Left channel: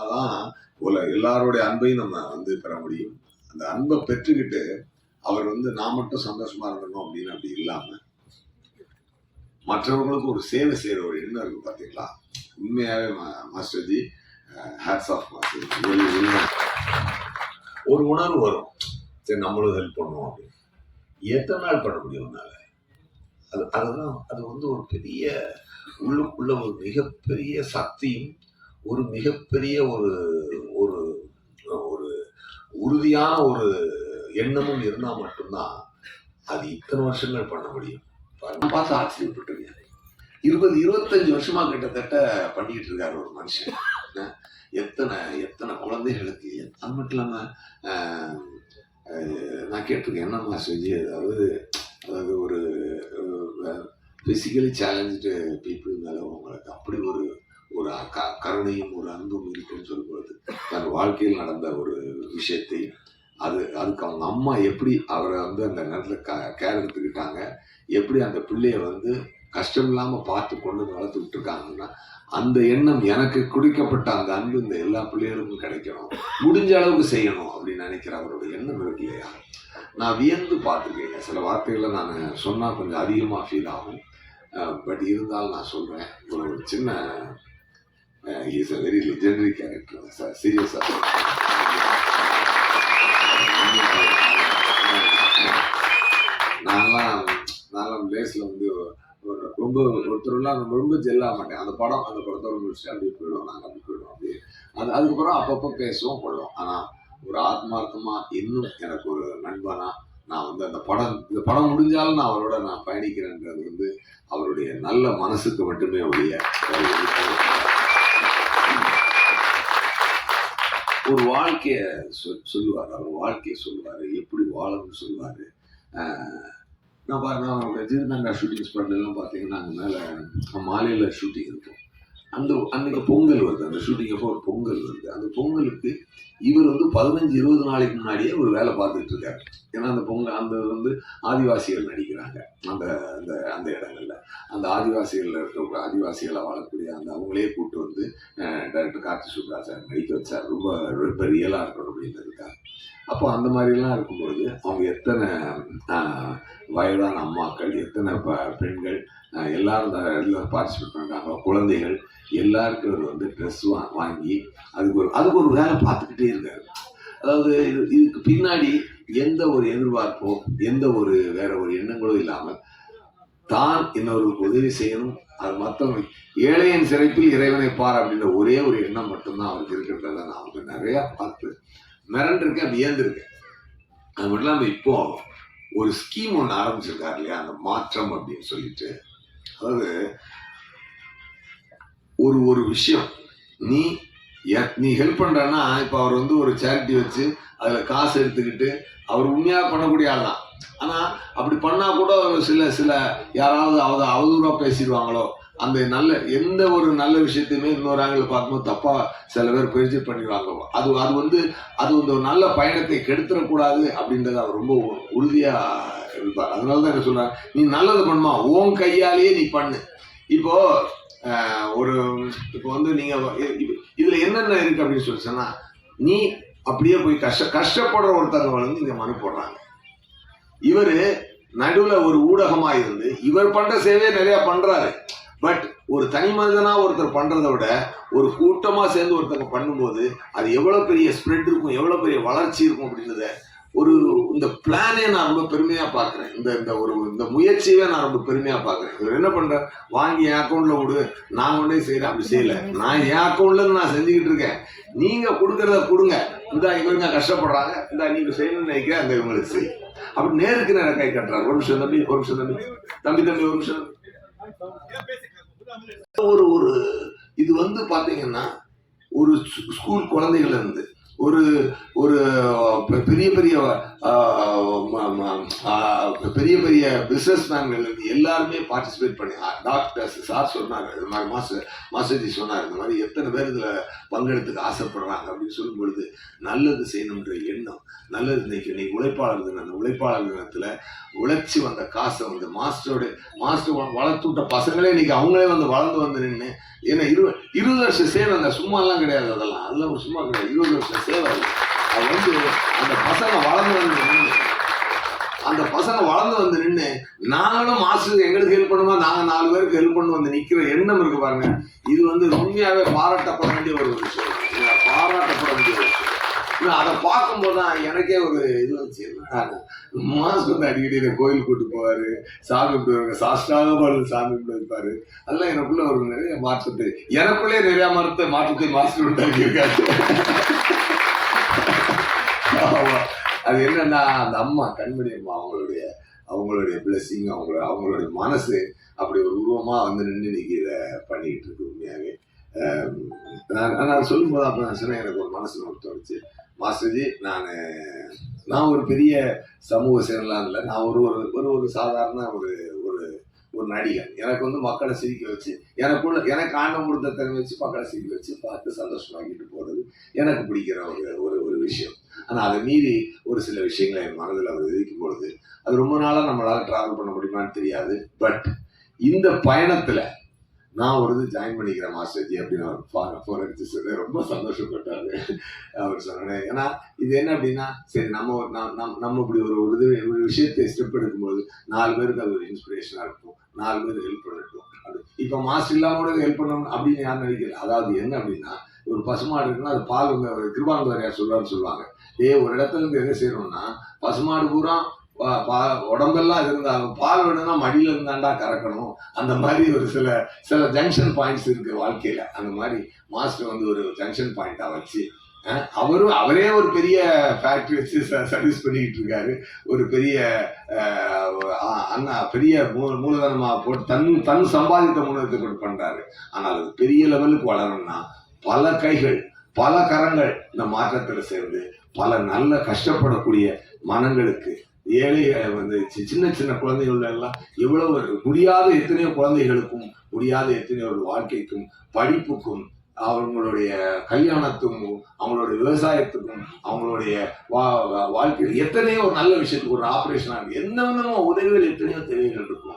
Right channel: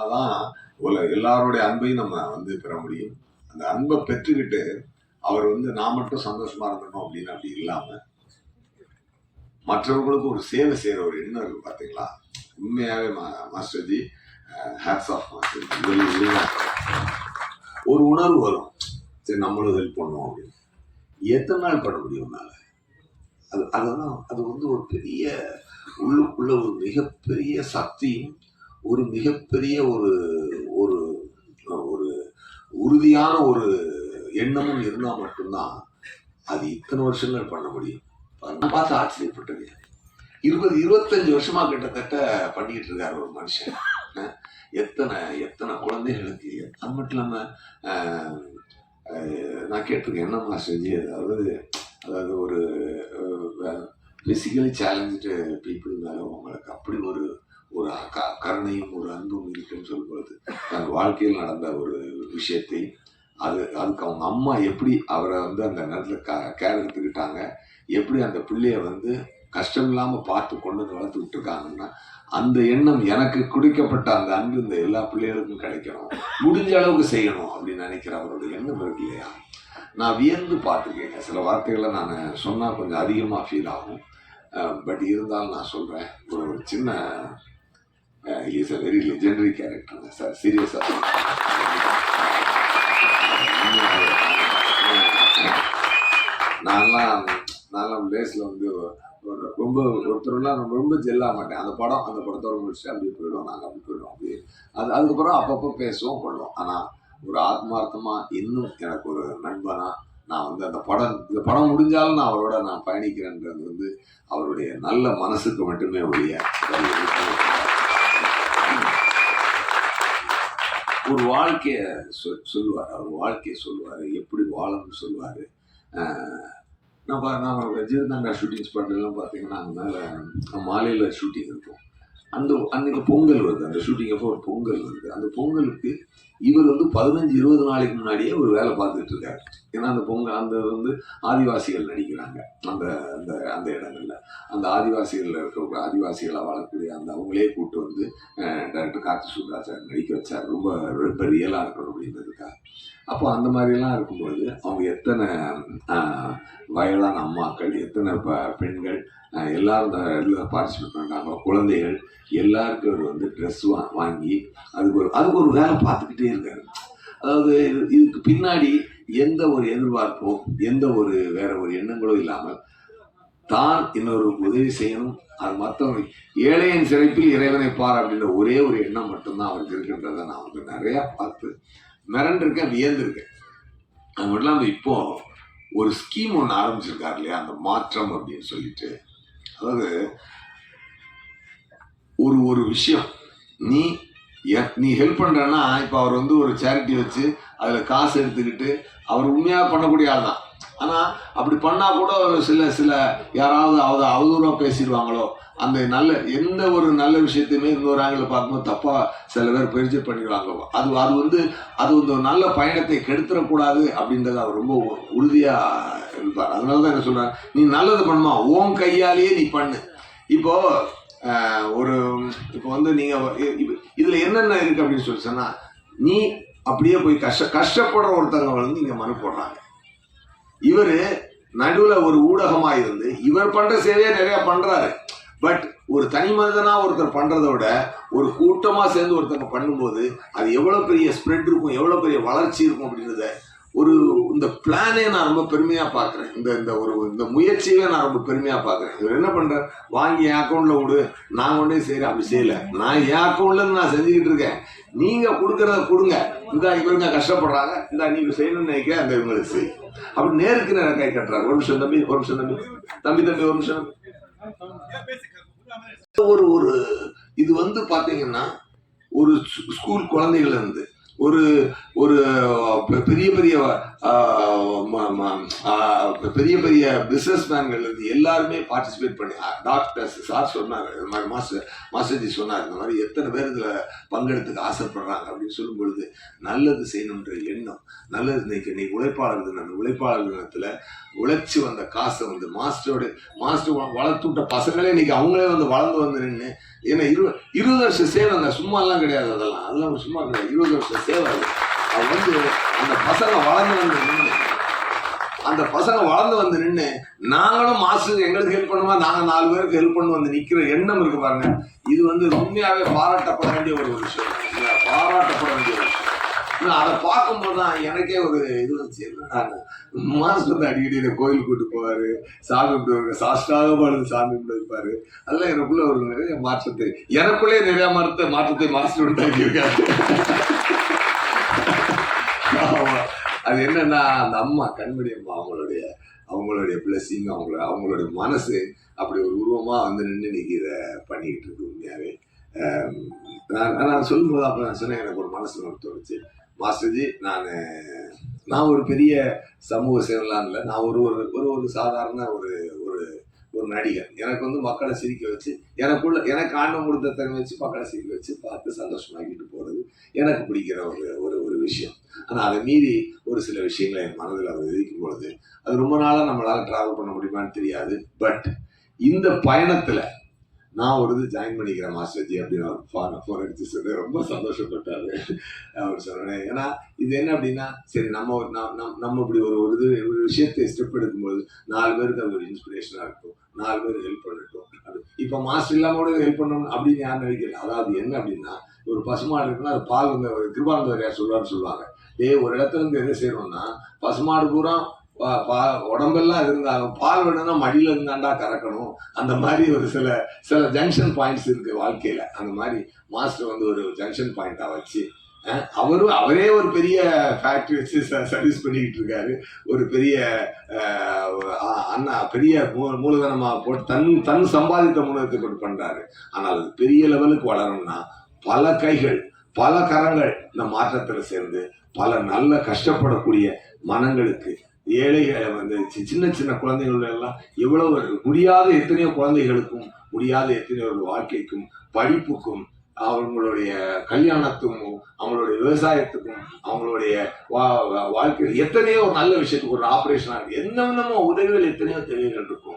அதான் உல எல்லாருடைய அன்பையும் நம்ம வந்து பெற முடியும். அந்த அன்பை பெற்றுக்கிட்டு அவர் வந்து நான் மட்டும் சந்தோஷமா இருக்கணும் அப்படின்னு அப்படி இல்லாம மற்றவர்களுக்கு ஒரு சேவை செய்யற ஒரு எண்ணம் இருக்கு பாத்தீங்களா? உண்மையாவே மா- மாஸ்டர்ஜி ஹேட்ஸ் ஆஃப் மாஸ்டர்ஜி ஒரு உணர்வு வரும். சரி நம்மளும் ஹெல்ப் பண்ணுவோம் அப்படின்னு. எத்தனை நாள் பண்ண முடியும் உன்னால? அது அதுதான் அது வந்து ஒரு பெரிய உள்ளுக்குள்ள ஒரு மிகப்பெரிய சக்தியும் ஒரு மிகப்பெரிய ஒரு ஒரு ஒரு உறுதியான ஒரு எண்ணமும் இருந்தால் மட்டும்தான் அது இத்தனை வருஷங்கள் பண்ண முடியும். நான் பார்த்து ஆச்சரியப்பட்டிருக்கேன். இருபது இருபத்தஞ்சு வருஷமா கிட்டத்தட்ட பண்ணிக்கிட்டு இருக்காரு ஒரு மனுஷன். எத்தனை எத்தனை குழந்தைகளுக்கு அது மட்டும் இல்லாமல் நான் கேட்டிருக்கேன் என்னம்மா செஞ்சு? அதாவது அதாவது ஒரு ஃபிசிக்கலி சேலஞ்சு பீப்புள் மேலே உங்களுக்கு அப்படி ஒரு ஒரு க- கருணையும் ஒரு அன்பும் இருக்குன்னு சொல்லும்போது தன் வாழ்க்கையில் நடந்த ஒரு விஷயத்தை அது அதுக்கு அவங்க அம்மா எப்படி அவரை வந்து அந்த நேரத்தில் க கேர் எடுத்துக்கிட்டாங்க எப்படி அந்த பிள்ளைய வந்து கஷ்டம் இல்லாமல் பார்த்து கொண்டு வந்து வளர்த்துக்கிட்டு இருக்காங்கன்னா அந்த எண்ணம் எனக்கு குடிக்கப்பட்ட அந்த அன்பு இந்த எல்லா பிள்ளைகளுக்கும் கிடைக்கணும். முடிஞ்ச அளவுக்கு செய்யணும் அப்படின்னு நினைக்கிற அவரோட எண்ணம் இருக்கு இல்லையா? நான் வியந்து பார்த்துருக்கேங்க. சில வார்த்தைகளை நான் சொன்னால் கொஞ்சம் அதிகமாக ஃபீல் ஆகும். பட் இருந்தாலும் நான் சொல்கிறேன் ஒரு சின்ன is a very legendary character sir சீரியஸாக நான்லாம் நான்லாம் லேஸில் வந்து ஒரு ரொம்ப ஒருத்தர்லாம் ரொம்ப ஜெல்லாக மாட்டேன். அந்த படம் அந்த படத்தோட முடிச்சுட்டு அப்படியே போயிடுவோம். நாங்கள் அப்படி போயிடுவோம். அப்படியே. அது அதுக்கப்புறம் அப்பப்போ பேசுவோம் பண்ணுவோம். ஆனால் ஒரு ஆத்மார்த்தமாக இன்னும் எனக்கு ஒரு நண்பனா நான் வந்து அந்த படம் இந்த படம் முடிஞ்சாலும் நான் அவரோட நான் பயணிக்கிறேன்றது வந்து அவருடைய நல்ல மனசுக்கு மட்டுமே ஒழிய வேற எதுக்கும் ஒரு வாழ்க்கையை சொல் சொல்லுவார். அவர் வாழ்க்கையை சொல்லுவார். எப்படி வாழணும்னு சொல்லுவார். நான் பாருங்க அவங்க ரஜினிகாந்தா ஷூட்டிங் ஸ்பாட்லாம் பார்த்தீங்கன்னா அங்கே மேலே மாலையில் ஷூட்டிங் இருக்கும். அந்த அன்றைக்கி பொங்கல் வருது. அந்த ஷூட்டிங் அப்போ ஒரு பொங்கல் வருது. அந்த பொங்கலுக்கு இவர் வந்து பதினஞ்சு இருபது நாளைக்கு முன்னாடியே ஒரு வேலை பார்த்துட்டு இருக்காரு. ஏன்னா அந்த பொங்கல் அந்த வந்து ஆதிவாசிகள் நடிக்கிறாங்க. அந்த அந்த அந்த இடங்கள்ல. அந்த ஆதிவாசிகளில் இருக்க ஆதிவாசிகளை வாழக்கூடிய அந்த அவங்களே கூப்பிட்டு வந்து டேரக்டர் கார்த்தி சுப்ராஜன் நடிக்க வச்சார். ரொம்ப ரொம்ப ரியலாக இருக்கணும் அப்படின்றதுக்காக. அப்போ அந்த மாதிரிலாம் இருக்கும்பொழுது அவங்க எத்தனை வயதான அம்மாக்கள் எத்தனை ப பெண்கள் எல்லாரும் இதில் பார்ட்டிசிபேட் பண்ணுறாங்க குழந்தைகள் எல்லாருக்கும் அவர் வந்து ட்ரெஸ் வா வாங்கி அதுக்கு ஒரு அதுக்கு ஒரு வேலை பார்த்துக்கிட்டே இருக்காரு அதாவது இது இதுக்கு பின்னாடி எந்த ஒரு எதிர்பார்ப்போ எந்த ஒரு வேற ஒரு எண்ணங்களோ இல்லாமல் தான் இன்னொருக்கு உதவி செய்யணும். அது மற்றவங்க ஏழையன் சிறைப்பில் இறைவனை பார் அப்படின்ற ஒரே ஒரு எண்ணம் மட்டும்தான் அவருக்கு இருக்கின்றத நான் அவருக்கு நிறையா பார்த்து மிரண்டிருக்கேன் வியந்திருக்கேன் அது மட்டும் இல்லாமல் இப்போ ஒரு ஸ்கீம் ஒன்று ஆரம்பிச்சிருக்காரு இல்லையா? அந்த மாற்றம் அப்படின்னு சொல்லிட்டு. அதாவது ஒரு ஒரு விஷயம். நீ எ- நீ ஹெல்ப் பண்ணுறன்னா இப்போ அவர் வந்து ஒரு சேரிட்டி வச்சு அதில் காசு எடுத்துக்கிட்டு அவர் உண்மையாக பண்ணக்கூடிய ஆள் தான் ஆனால் அப்படி பண்ணால் கூட சில சில யாராவது அவ அவதூறாக பேசிடுவாங்களோ அந்த நல்ல எந்த ஒரு நல்ல விஷயத்தையுமே இன்னொரு ஆங்கிள் பார்க்கும்போது தப்பாக சில பேர் பயிற்சி பண்ணிடுவாங்க. அது அது வந்து அது வந்து ஒரு நல்ல பயணத்தை கெடுத்துடக்கூடாது அப்படின்றத அவர் ரொம்ப உறுதியாக இருப்பார் அதனால தான் என்ன சொல்கிறார் நீ நல்லது பண்ணுமா? உன் கையாலேயே நீ பண்ணு. இப்போ ஆஹ், ஒரு இப்போ வந்து நீங்கள் இதில் என்னென்ன இருக்குது அப்படின்னு சொல்லி சொன்னா நீ அப்படியே போய் கஷ்ட கஷ்டப்படுற ஒருத்தவங்க வந்து இங்கே மனு போடுறாங்க. இவர் நடுவில் ஒரு ஊடகமாக இருந்து இவர் பண்ணுற சேவையை நிறையா பண்ணுறாரு பட் ஒரு தனி மனிதனா ஒருத்தர் பண்றதை விட ஒரு கூட்டமா சேர்ந்து ஒருத்தங்க பண்ணும்போது அது எவ்வளவு பெரிய ஸ்ப்ரெட் இருக்கும் எவ்வளவு பெரிய வளர்ச்சி இருக்கும் அப்படின்றத ஒரு இந்த பிளானே நான் ரொம்ப பெருமையா பார்க்குறேன். இந்த இந்த ஒரு இந்த முயற்சியவே நான் ரொம்ப பெருமையா பார்க்குறேன். இவர் என்ன பண்ணுறேன் வாங்கி என் அக்கௌண்ட்ல விடு. நான் உடனே செய்கிறேன் அப்படி செய்யல. நான் என் அக்கௌண்ட்ல நான் செஞ்சுக்கிட்டு இருக்கேன். நீங்க கொடுக்கறத கொடுங்க. இந்த இவருங்க கஷ்டப்படுறாங்க. இந்த நீங்க செய்யணும்னு நினைக்கிறேன். அந்த இவங்களுக்கு செய். அப்படி நேருக்கு நேரம் கை கட்டுறாரு. ஒரு நிமிஷம் தம்பி ஒரு நிமிஷம் தம்பி. தம்பி தம்பி ஒரு நிமிஷம். ஒரு ஒரு இது வந்து பாத்தீங்கன்னா ஒரு ஸ்கூல் குழந்தைகள் இருந்து ஒரு ஒரு பெ- பெரிய பெரிய ஆஹ், ம- ம- ஆஹ், பெரிய பெரிய பிஸ்னஸ் மேன்கள் இருந்து எல்லாருமே பார்ட்டிசிபேட் பண்ணி டாக்டர்ஸ் சார் சொன்னார் இது மாதிரி மாஸ்டர் மாஸ்டர்ஜி சொன்னார் இந்த மாதிரி எத்தனை பேர் இதில் பங்கெடுத்துக்க ஆசைப்படுறாங்க அப்படின்னு சொல்லும் பொழுது நல்லது செய்யணுன்ற எண்ணம் நல்லது இன்னைக்கு இன்னைக்கு உழைப்பாளர் தினம் அந்த உழைப்பாளர் தினத்தில் உழைச்சி வந்த காசை வந்து மாஸ்டரோட மாஸ்டர் வளர்த்துட்ட வளர்த்து விட்ட பசங்களே இன்னைக்கு அவங்களே வந்து வளர்ந்து வந்து நின்று ஏன்னா இரு இருபது வருஷம் சேவைங்க சும்மாலாம் கிடையாது அதெல்லாம் அதெல்லாம் சும்மா கிடையாது இருபது வருஷம் சேவை அது. அது வந்து அந்த பசங்க வளர்ந்து வந்து நின்று அந்த பசங்க வளர்ந்து வந்து நின்று நாங்களும் மாஸ்டர் எங்களுக்கு ஹெல்ப் பண்ணுமா? நாங்கள் நாலு பேருக்கு ஹெல்ப் பண்ணு வந்து நிற்கிற எண்ணம் இருக்கு பாருங்க. இது வந்து உண்மையாகவே பாராட்டப்பட வேண்டிய ஒரு விஷயம். பாராட்டப்பட வேண்டிய ஒரு விஷயம். அதை பார்க்கும்போது தான் எனக்கே ஒரு இது வந்துச்சு. மாஸ்டர் வந்து அடிக்கடி என்னை கோயில் கூட்டு போவார். சாமி கும்பிடுவாங்க சாஷ்டாக பாடுது சாமி கும்பிட்டு வைப்பார் அதெல்லாம் எனக்குள்ள ஒரு நிறைய மாற்றத்தை எனக்குள்ளே நிறைய மரத்தை மாற்றத்தை மாஸ்டர் உண்டாக்கி இருக்காரு அது என்னன்னா அந்த அம்மா கண்மணி அம்மா அவங்களுடைய அவங்களுடைய பிளஸிங் அவங்கள அவங்களுடைய மனசு அப்படி ஒரு உருவமாக வந்து நின்று இன்னைக்கு இதை பண்ணிக்கிட்டு இருக்கு உண்மையாகவே நான் நான் சொல்லும்போது அப்போ நான் சொன்னேன் எனக்கு ஒரு மனசு தோணுச்சு. மாஸ்டர்ஜி நான் நான் ஒரு பெரிய சமூக சேவலாம் இல்லை. நான் ஒரு ஒரு ஒரு ஒரு சாதாரண ஒரு ஒரு ஒரு நடிகர் எனக்கு வந்து மக்களை சிரிக்க வச்சு எனக்குள்ள எனக்கு ஆண்டம் கொடுத்த திறமை வச்சு மக்களை சிரிக்க வச்சு பார்த்து சந்தோஷமாக்கிட்டு போகிறது எனக்கு பிடிக்கிற ஒரு ஒரு ஒரு விஷயம். ஆனால் அதை மீறி ஒரு சில விஷயங்களை என் மனதில் அவர் விதிக்கும் பொழுது அது ரொம்ப நாளாக நம்மளால் ட்ராவல் பண்ண முடியுமான்னு தெரியாது. பட் இந்த பயணத்தில் நான் ஒரு இது ஜாயின் பண்ணிக்கிறேன் மாஸ்டர்ஜி அப்படின்னு அவர் ஃபோன் ஃபோர் அடிச்சு சொல்லி ரொம்ப சந்தோஷப்பட்டார். அவர் சொன்னேன். ஏன்னா இது என்ன அப்படின்னா சரி நம்ம ஒரு- நம் நம் நம்ம இப்படி ஒரு ஒரு இது ஒரு விஷயத்தை ஸ்டெப் எடுக்கும்போது நாலு பேருக்கு அது ஒரு இன்ஸ்பிரேஷனாக இருக்கும். நாலு பேர் ஹெல்ப் பண்ணட்டும். அது இப்போ மாஸ்டர் இல்லாமல் கூட ஹெல்ப் பண்ணணும் அப்படின்னு யாரும் நினைக்கல. அதாவது என்ன அப்படின்னா ஒரு பசுமாடு இருக்குன்னா அது பால் கிருபாந்தவர் யார் சொல்லுவான்னு சொல்லுவாங்க. ஏய் ஒரு இடத்துல இருந்து என்ன செய்யணும்னா பசுமாடு பூரா பா- உடம்பெல்லாம் இருந்தா பால் வேணும்னா மடியில் இருந்தாண்டா கறக்கணும். அந்த மாதிரி ஒரு சில சில ஜங்ஷன் பாயிண்ட்ஸ் இருக்குது வாழ்க்கையில். அந்த மாதிரி மாஸ்டர் வந்து ஒரு ஜங்ஷன் பாயிண்ட்டாக வச்சு அவரும் அவரு அவரே ஒரு பெரிய ஃபேக்ட்ரி வச்சு சர்வீஸ் பண்ணிக்கிட்டு இருக்காரு. ஒரு பெரிய அண்ணா பெரிய மூ- மூலதனமாக போட்டு தன் தன் சம்பாதித்த மூலதனத்தை போட்டு பண்ணுறாரு ஆனால் அது பெரிய லெவலுக்கு வளரணும்னா பல கைகள் பல கரங்கள் இந்த மாற்றத்தில் சேர்ந்து பல நல்ல கஷ்டப்படக்கூடிய மனங்களுக்கு ஏழைகளை வந்து சி- சின்ன சின்ன குழந்தைகள் எல்லாம் எவ்வளவு முடியாத எத்தனையோ குழந்தைகளுக்கும் முடியாத எத்தனையோ வாழ்க்கைக்கும் படிப்புக்கும் அவங்களுடைய கல்யாணத்துக்கும் அவங்களுடைய விவசாயத்துக்கும் அவங்களுடைய வா வாழ்க்கையில் எத்தனையோ நல்ல விஷயத்துக்கு ஒரு ஆப்ரேஷன் ஆகுது. என்னென்னமோ விதமோ உதவிகள் எத்தனையோ தேவைகள் இருக்கும்.